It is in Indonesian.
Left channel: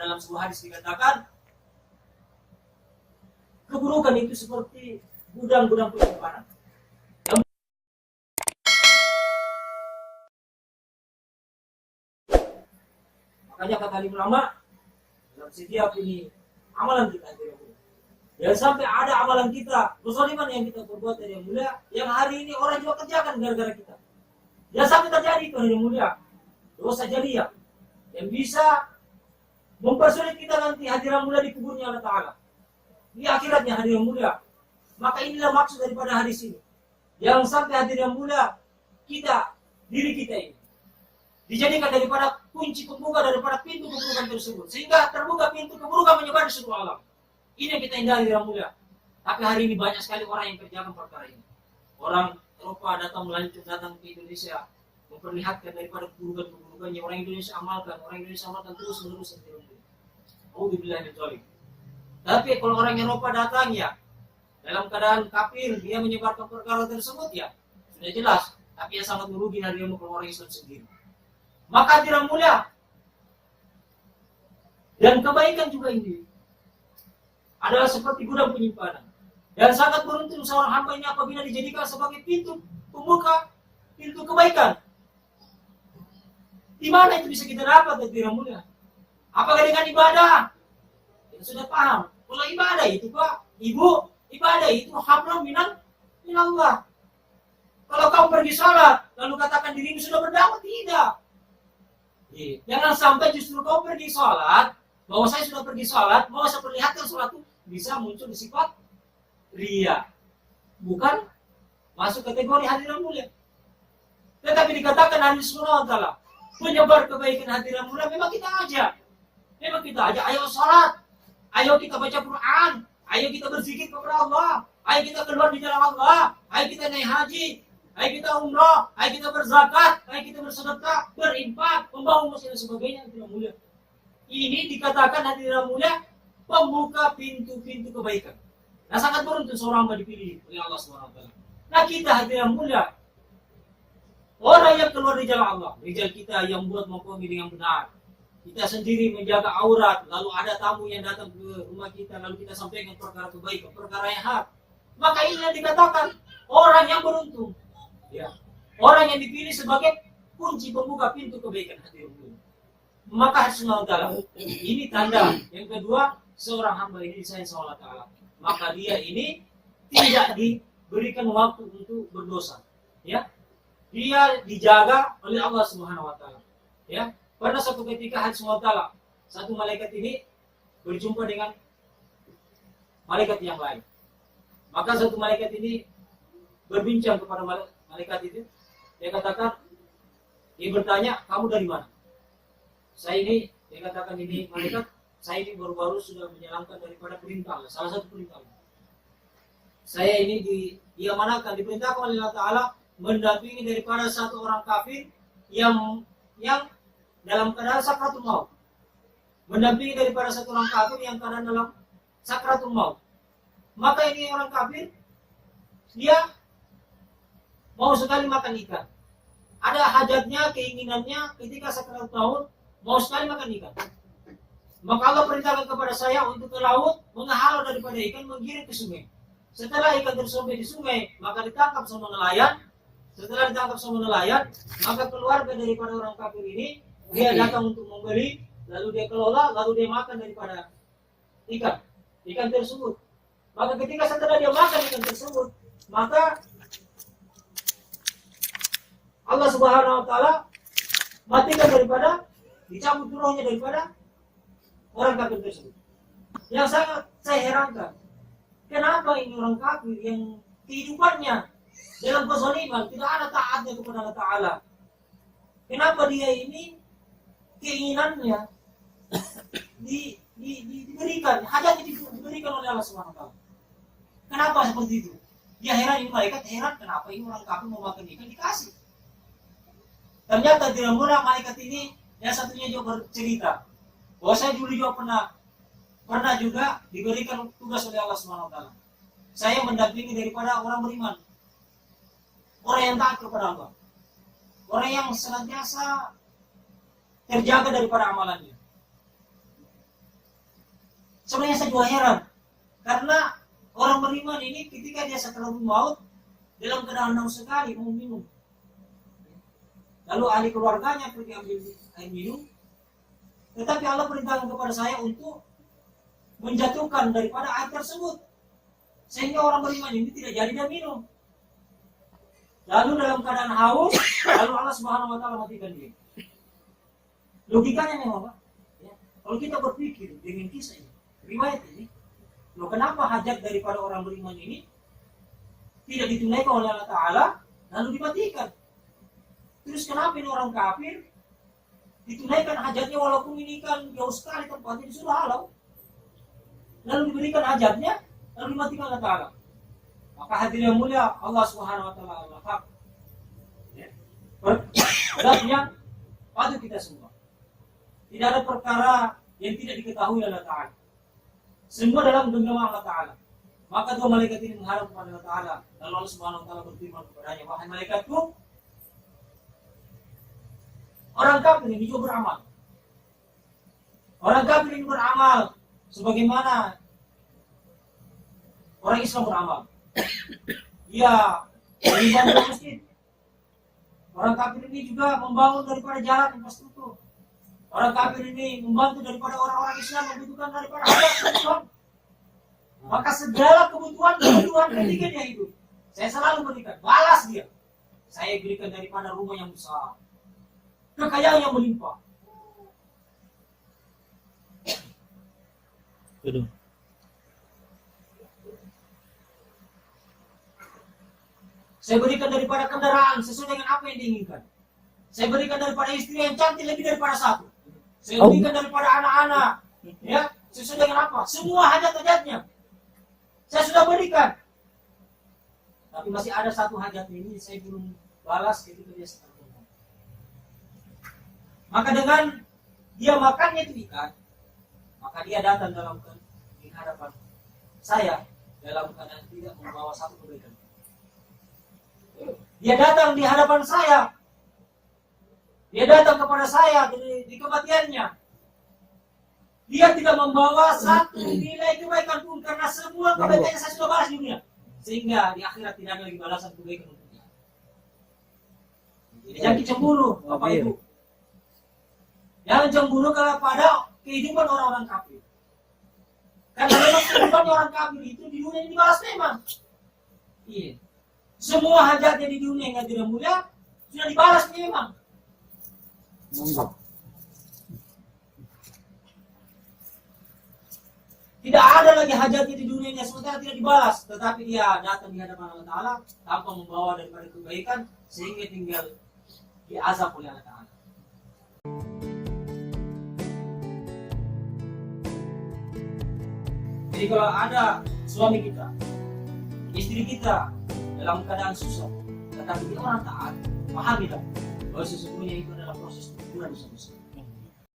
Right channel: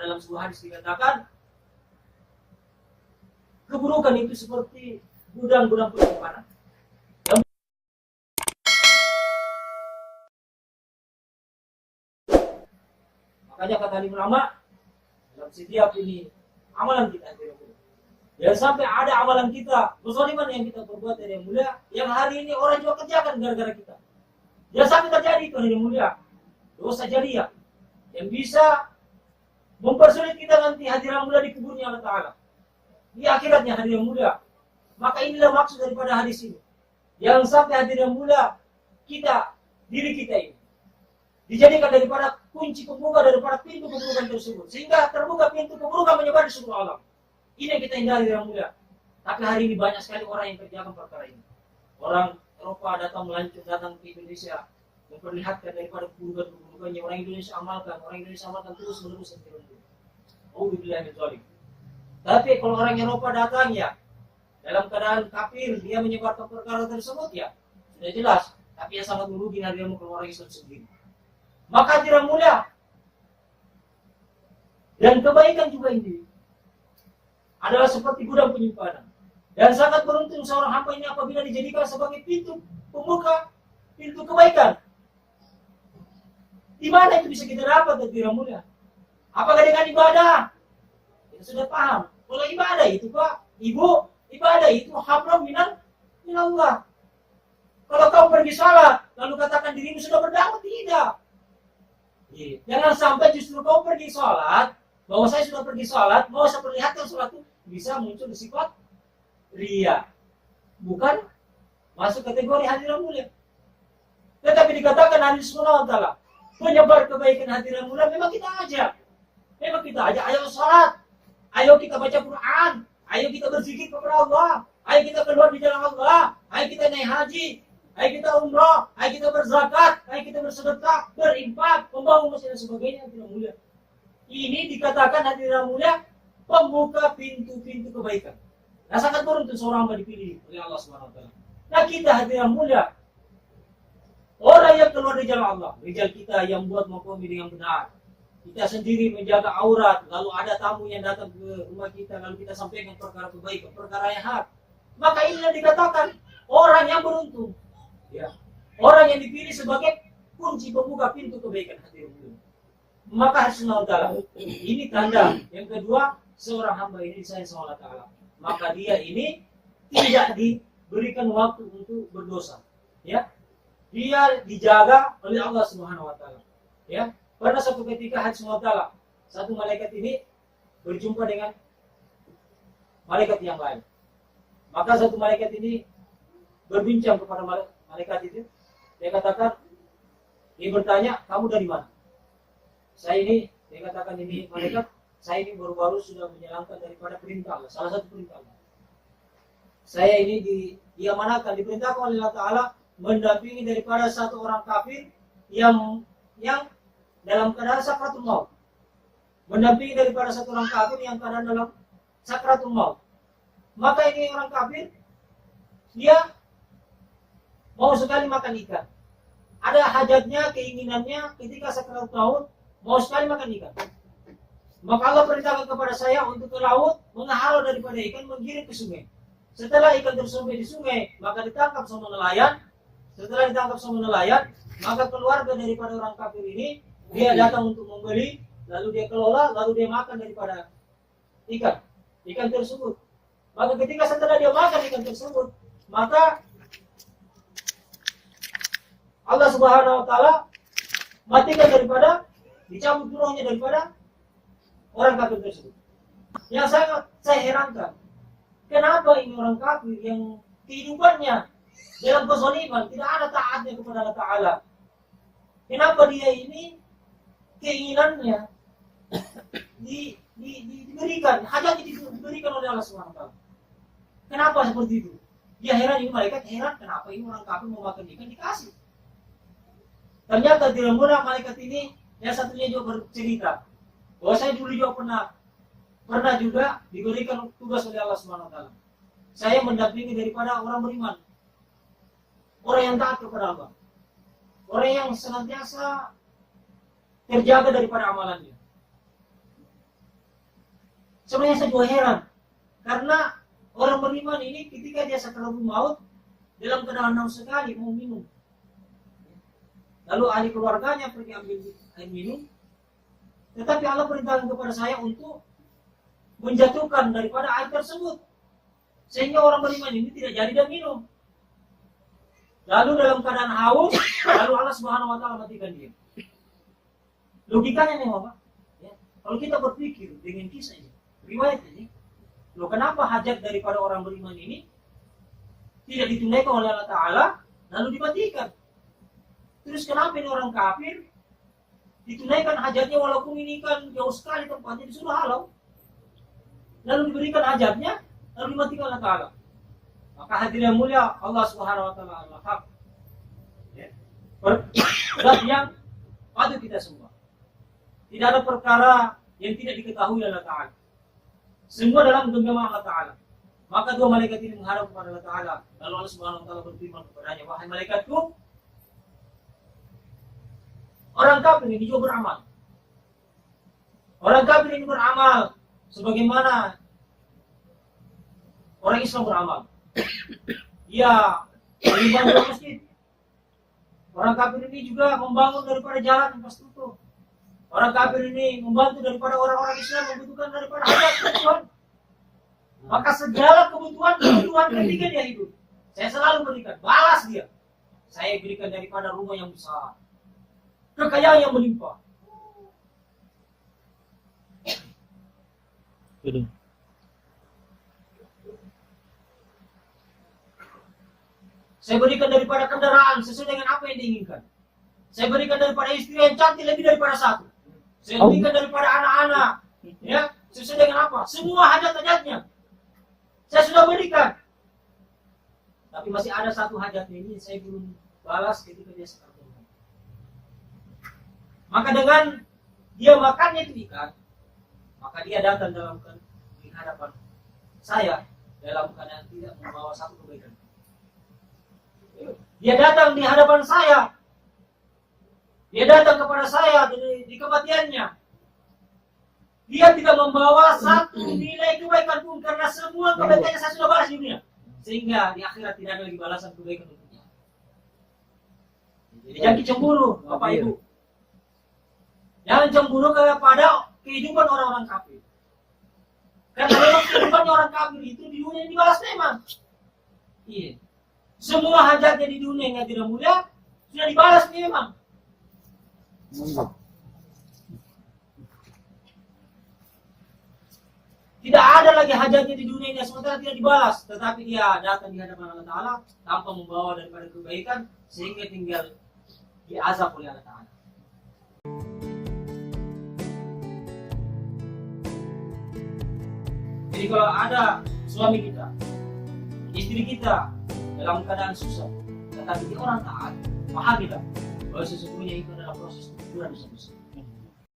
dalam sebuah hadis dikatakan keburukan itu seperti gudang-gudang penyimpanan. Makanya kata ulama dalam setiap ini amalan kita jangan sampai ada amalan kita kezaliman yang kita perbuat dari yang mulia yang hari ini orang juga kerjakan gara-gara kita. Jangan sampai terjadi itu yang mulia dosa jariah yang bisa mempersulit kita nanti hadiran mulia di kuburnya Allah Ta'ala di akhiratnya hadiran mulia. Maka inilah maksud daripada hadis ini. Jangan sampai hadiran mulia kita diri kita ini dijadikan daripada kunci pembuka daripada pintu keburukan tersebut sehingga terbuka pintu keburukan menyebar di seluruh alam. Ini yang kita hindari yang mulia. Tapi hari ini banyak sekali orang yang kerjakan perkara ini. Orang Eropa datang datang ke Indonesia memperlihatkan daripada keburukan-keburukannya. Orang Indonesia amalkan terus menerus. Alhamdulillah min dzalik. Tapi kalau orang Eropa datang ya dalam keadaan kafir dia menyebarkan perkara tersebut ya sudah jelas. Tapi yang sangat merugi hari ini kalau orang Islam sendiri. Maka tidak mulia dan kebaikan juga ini adalah seperti gudang penyimpanan dan sangat beruntung seorang hamba ini apabila dijadikan sebagai pintu pembuka pintu kebaikan. Di mana itu bisa kita dapat tidak mulia? Apakah dengan ibadah? Kita sudah paham. Kalau ibadah itu Pak, Ibu, ibadah itu hablum minallah. Kalau kamu pergi sholat lalu katakan dirimu sudah berdakwah, tidak. Jangan sampai justru kau pergi sholat, bahwa saya sudah pergi sholat, mau saya perlihatkan sholat itu bisa muncul di sifat ria, bukan masuk kategori hadiran mulia. Tetapi dikatakan hadis Rasulullah Ta'ala penyebar kebaikan hadiran mulia memang kita ajak, ayo sholat, ayo kita baca Quran, ayo kita berzikir kepada Allah, ayo kita keluar di jalan Allah, ayo kita naik haji, ayo kita umrah, ayo kita berzakat, ayo kita bersedekah, berinfak, membangun masjid dan sebagainya tidak mulia. Ini dikatakan hadiran mulia pembuka pintu-pintu kebaikan. Nah sangat beruntung seorang hamba dipilih oleh Allah SWT. Nah kita hadiran mulia orang yang keluar di jalan Allah, rijal kita yang buat mempunyai dengan benar. Kita sendiri menjaga aurat, lalu ada tamu yang datang ke rumah kita, lalu kita sampaikan perkara kebaikan, perkara yang hak. Maka ini yang dikatakan orang yang beruntung. Ya. Orang yang dipilih sebagai kunci pembuka pintu kebaikan hati Allah. Maka Rasulullah Ta'ala ini tanda yang kedua seorang hamba ini disayang sama Allah Ta'ala. Maka dia ini tidak diberikan waktu untuk berdosa. Ya, dia dijaga oleh Allah Subhanahu Wa Ta'ala. Ya, pada suatu ketika Rasulullah Ta'ala satu malaikat ini berjumpa dengan malaikat yang lain. Maka satu malaikat ini berbincang kepada malaikat itu, dia katakan, dia bertanya, kamu dari mana? Saya ini, dia katakan ini malaikat, saya ini baru-baru sudah menjalankan daripada perintah Allah, salah satu perintah Allah. Saya ini diamanahkan, diperintahkan oleh Allah Ta'ala mendampingi daripada satu orang kafir yang dalam keadaan sakratul maut. Mendampingi daripada satu orang kafir yang keadaan dalam sakratul maut. Maka ini orang kafir, dia mau sekali makan ikan. Ada hajatnya, keinginannya ketika sakratul maut mau sekali makan ikan. Maka Allah perintahkan kepada saya untuk ke laut, menghalau daripada ikan, menggiring ke sungai. Setelah ikan tersumpai di sungai, maka ditangkap sama nelayan. Setelah ditangkap sama nelayan, maka keluarga daripada orang kafir ini, dia datang untuk membeli, lalu dia kelola, lalu dia makan daripada ikan tersebut. Maka ketika setelah dia makan ikan tersebut, maka Allah Subhanahu Wa Ta'ala matikan daripada, dicabut rohnya daripada orang kafir tersebut. Yang sangat saya herankan, kenapa ini orang kafir yang kehidupannya dalam kezaliman tidak ada taatnya kepada Allah Ta'ala? Kenapa dia ini keinginannya diberikan, hajatnya diberikan oleh Allah Subhanahu Wa Ta'ala? Kenapa seperti itu? Dia heran, ini malaikat heran, kenapa ini orang kafir mau makan ikan dikasih. Ternyata tidak murah malaikat ini yang satunya juga bercerita bahwa saya dulu juga pernah juga diberikan tugas oleh Allah Subhanahu Wa Ta'ala. Saya mendampingi daripada orang beriman, orang yang taat kepada Allah, orang yang senantiasa terjaga daripada amalannya. Sebenarnya saya juga heran, karena orang beriman ini ketika dia sakaratul maut dalam keadaan haus sekali mau minum, lalu ahli keluarganya pergi ambil air minum, tetapi Allah perintahkan kepada saya untuk menjatuhkan daripada air tersebut, sehingga orang beriman ini tidak jadi dia minum. Lalu dalam keadaan haus, lalu Allah Subhanahu wa taala matikan dia. Logikanya memang Pak, ya, kalau kita berpikir dengan kisah ini, riwayat ini, loh kenapa hajat daripada orang beriman ini tidak ditunaikan oleh Allah Ta'ala, lalu dimatikan? Terus kenapa ini orang kafir ditunaikan hajatnya walaupun ini kan jauh sekali tempatnya di surga halau, lalu diberikan hajatnya, lalu dimatikan Allah Ta'ala? Maka hadirin yang mulia, Allah Subhanahu wa taala Allah hak. Ya. Berarti yang patut kita semua. Tidak ada perkara yang tidak diketahui Allah Ta'ala. Semua dalam genggaman Allah Ta'ala. Maka dua malaikat ini menghadap kepada Allah Ta'ala. Lalu Allah Subhanahu wa taala berfirman kepadanya, wahai malaikatku, orang kafir ini juga beramal. Orang kafir ini beramal sebagaimana orang Islam beramal. Dia membangun masjid. Orang kafir ini juga membangun daripada jalan infrastruktur. Orang kafir ini membantu daripada orang-orang Islam membutuhkan daripada hajat kebutuhan. Maka segala kebutuhan ketika dia hidup, saya selalu berikan, balas dia. Saya berikan daripada rumah yang besar, kekayaan yang melimpah. Aduh. Saya berikan daripada kendaraan sesuai dengan apa yang diinginkan. Saya berikan daripada istri yang cantik lebih daripada satu. Saya berikan daripada anak-anak, ya, sesuai dengan apa? Semua hajat-hajatnya saya sudah berikan. Tapi masih ada satu hajat ini saya belum balas ketika dia sekarang. Maka dengan dia makannya itu ikan, maka dia datang dalam di hadapan saya dalam keadaan tidak membawa satu kebaikan. Dia datang di hadapan saya. Dia datang kepada saya di kematiannya. Dia tidak membawa satu nilai kebaikan pun, karena semua kebaikannya saya sudah balas di dunia. Sehingga di akhirat tidak ada lagi balasan kebaikan untuk dia. Jadi jangan cemburu, Bapak Ibu. Jangan cemburu kepada kehidupan orang-orang kafir. Karena memang kehidupan orang kafir itu di dunia yang dibalas memang. Iya. Semua hajatnya di dunia yang tidak mulia sudah dibalas memang. Tidak ada lagi hajatnya di dunia yang sementara tidak dibalas, tetapi dia datang di hadapan Allah Ta'ala tanpa membawa daripada kebaikan, sehingga tinggal diazab oleh Allah Ta'ala. Jadi kalau ada suami kita, istri kita dalam keadaan susah, tetapi dia orang taat, paham kita bahwa sesungguhnya itu adalah proses teguran dosa.